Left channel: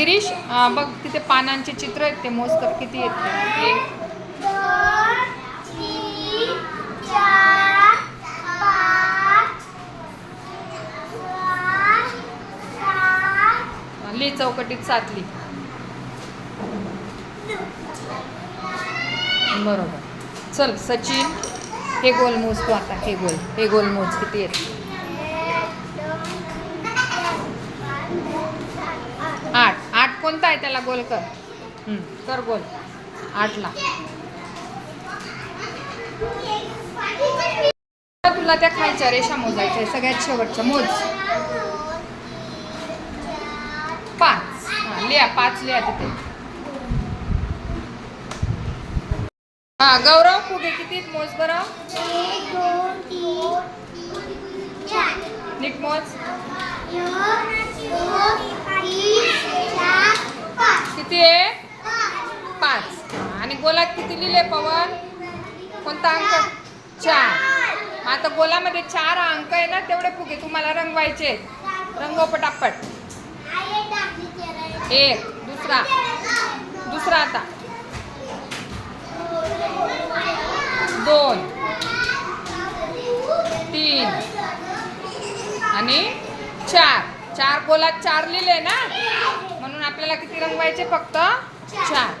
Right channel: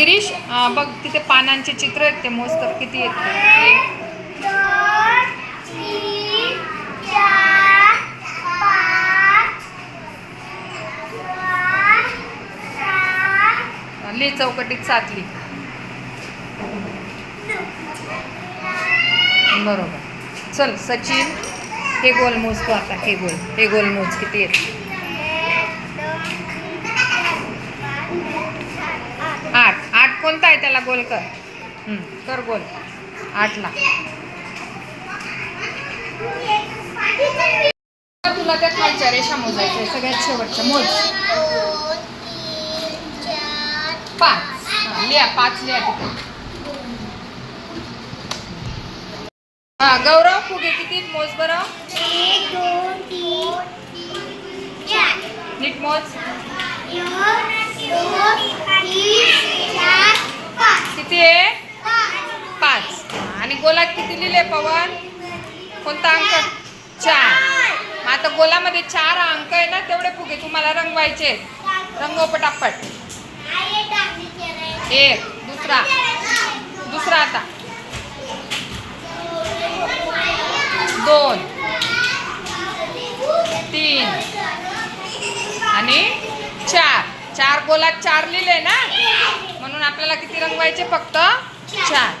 गिरीश बघ तिथे पानांचे चित्र आहेत ते मोजतर किती येत ली चौकटीत सातली बरोबर. चल सचिन हे गोल मोजतो आता हे गोल हे गोल मोज किती येत आठ. कोणता आहे त्याला गोल कर? हं, कर गोल. आठला. तुला त्या खालच्या रेषा मोजायच्या आहे, सगळ्यात शेवटच्या. मोज. पाच. हा, लिहा पाच लिहा तिथे. हा गौरव फुगे किती? मोज बरं? नीट मोज एक दोन तीन चार पाच किती आहे? पाच. आणि गोलात किती लिहिले पवन? कोणता अंक? चार. मग आता गोलामध्ये चार अंक आहे ना तेवढे फुगे तुम्हाला रंगवायचे रंगव पटापट. एक दुसरा. दुसरा आता. दोन. तीन. आणि चार. चार गोलात चार लिहिले ना? म्हणून आपल्याला किती रंगवायचे फक्त? चार.